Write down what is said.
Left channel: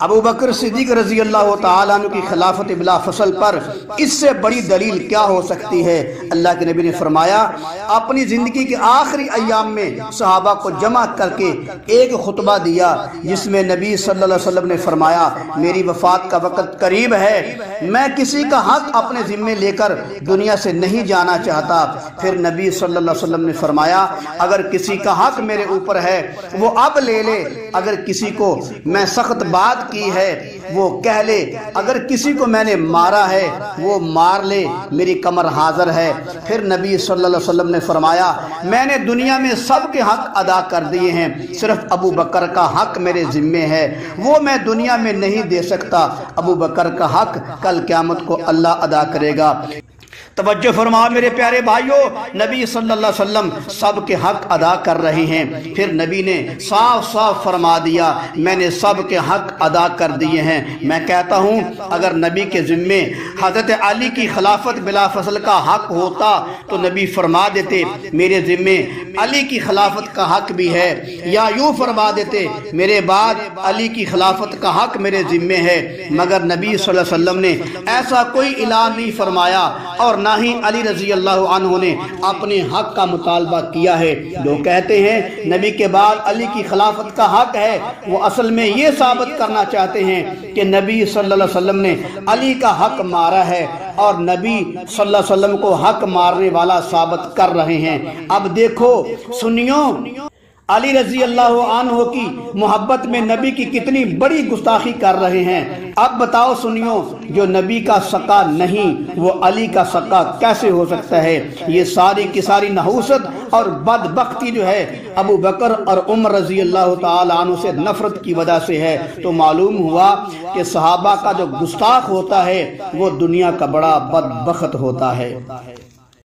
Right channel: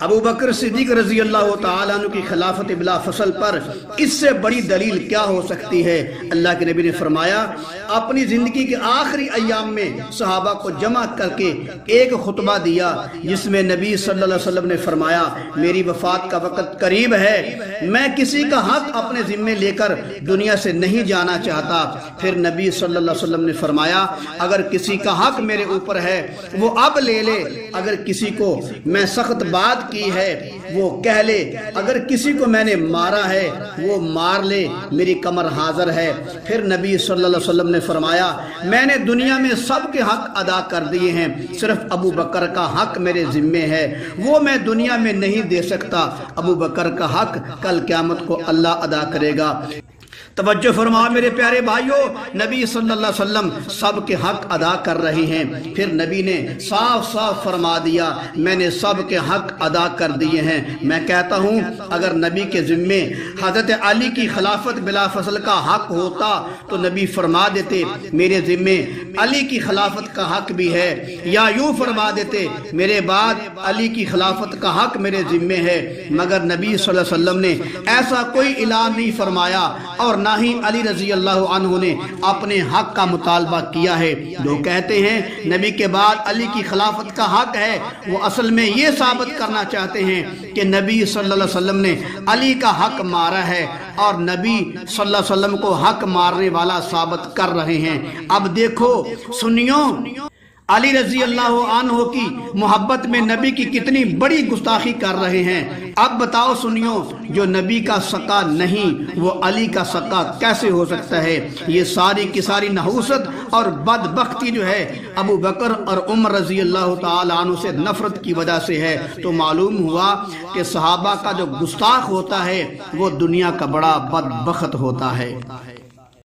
ابو بکر صدیق رضی اللہ تعالیٰ عنہ کی خلافت بلا فصل پر اس سے بڑی دلیل کیا ہو سکتی ہے؟ اللہ کے نبی نے فرمایا، اپنی زندگی کے آخری ایام میں صحابہ کو جمع کر کے ایک خطبہ دیا جس میں نبی صلی اللہ علیہ وسلم نے فرمایا، میری وفات کا وقت قریب ہے، میں کسی کا حق اپنے ذمے لے کر دنیا سے نہیں جانا چاہتا۔ پھر نبی صلی اللہ علیہ وسلم نے فرمایا، اگر کسی کا حق میرے اوپر ہے وہ اب لے لے، اگر کسی کو میں سخت بات کی ہے وہ کہہ لے، اگر کسی کو میں نے مارا ہے وہ مار لے، میری کمر حاضر ہے۔ پھر نبی صلی اللہ علیہ وسلم نے فرمایا، میں نے دنیا میں سب کے حق ادا کر دیے ہیں، صرف ابو بکر کا حق میرے ذمے ہے، وہ میں دنیا میں نہیں دے سکتا۔ ابو بکر کا حق کل قیامت کو اللہ ادا کرے گا۔ توجہ فرما میرے پیارے بھائیوں، نبی صلی اللہ علیہ وسلم سب کے حق ادا کر رہے ہیں۔ پھر نبی نے صاف صاف فرما دیا، میں نے سب کے حق ادا کر دیے ہیں۔ میں کہتا ہوں اگر نبی کے ذمے حضرت علی کی خلافت بلا فصل کا حق ہوتا تو نبی فرما دیتے میرے ذمے علی کی خلافت کا حق بھی ہے، یا یوں فرما دیتے میرے بعد علی کی خلافت کا حق میرے ذمے ہے، مگر نبی صلی اللہ علیہ وسلم نے ایسا کوئی اعلان نہیں فرمایا اور نہ ہی علی رضی اللہ عنہ نے اپنے حق کا مطالبہ کیا ہے۔ جو کہتے ہیں نبی کے بعد علی کی خلافت کا حق ہے، وہ اصل میں یہ ثابت کرنا چاہتے ہیں کہ نبی صلی اللہ علیہ وسلم نے علی کا حق مارا ہے اور نبی صلی اللہ علیہ وسلم کو حق مارنے والا ثابت کر رہے ہیں۔ اب دیکھو سنیوں، علی رضی اللہ عنہ کی محبت میں نبی کی کتنی بڑی گستاخی کر رہے ہیں۔ اب بتاؤ سنیوں، جو نبی کا سکا نہیں وہ علی کا سکا کیسے ہو سکتا ہے؟ یہ ساری کی ساری نحوست اور بدبختی جو ہے ابو بکر اور عمر رضی اللہ تعالی عنہ سے نفرت کی وجہ سے ہے۔ تو معلوم ہوا کہ صحابہ کا جو گستاخ ہوتا ہے وہ دنیا کا بڑا بدبخت ہوتا ہے۔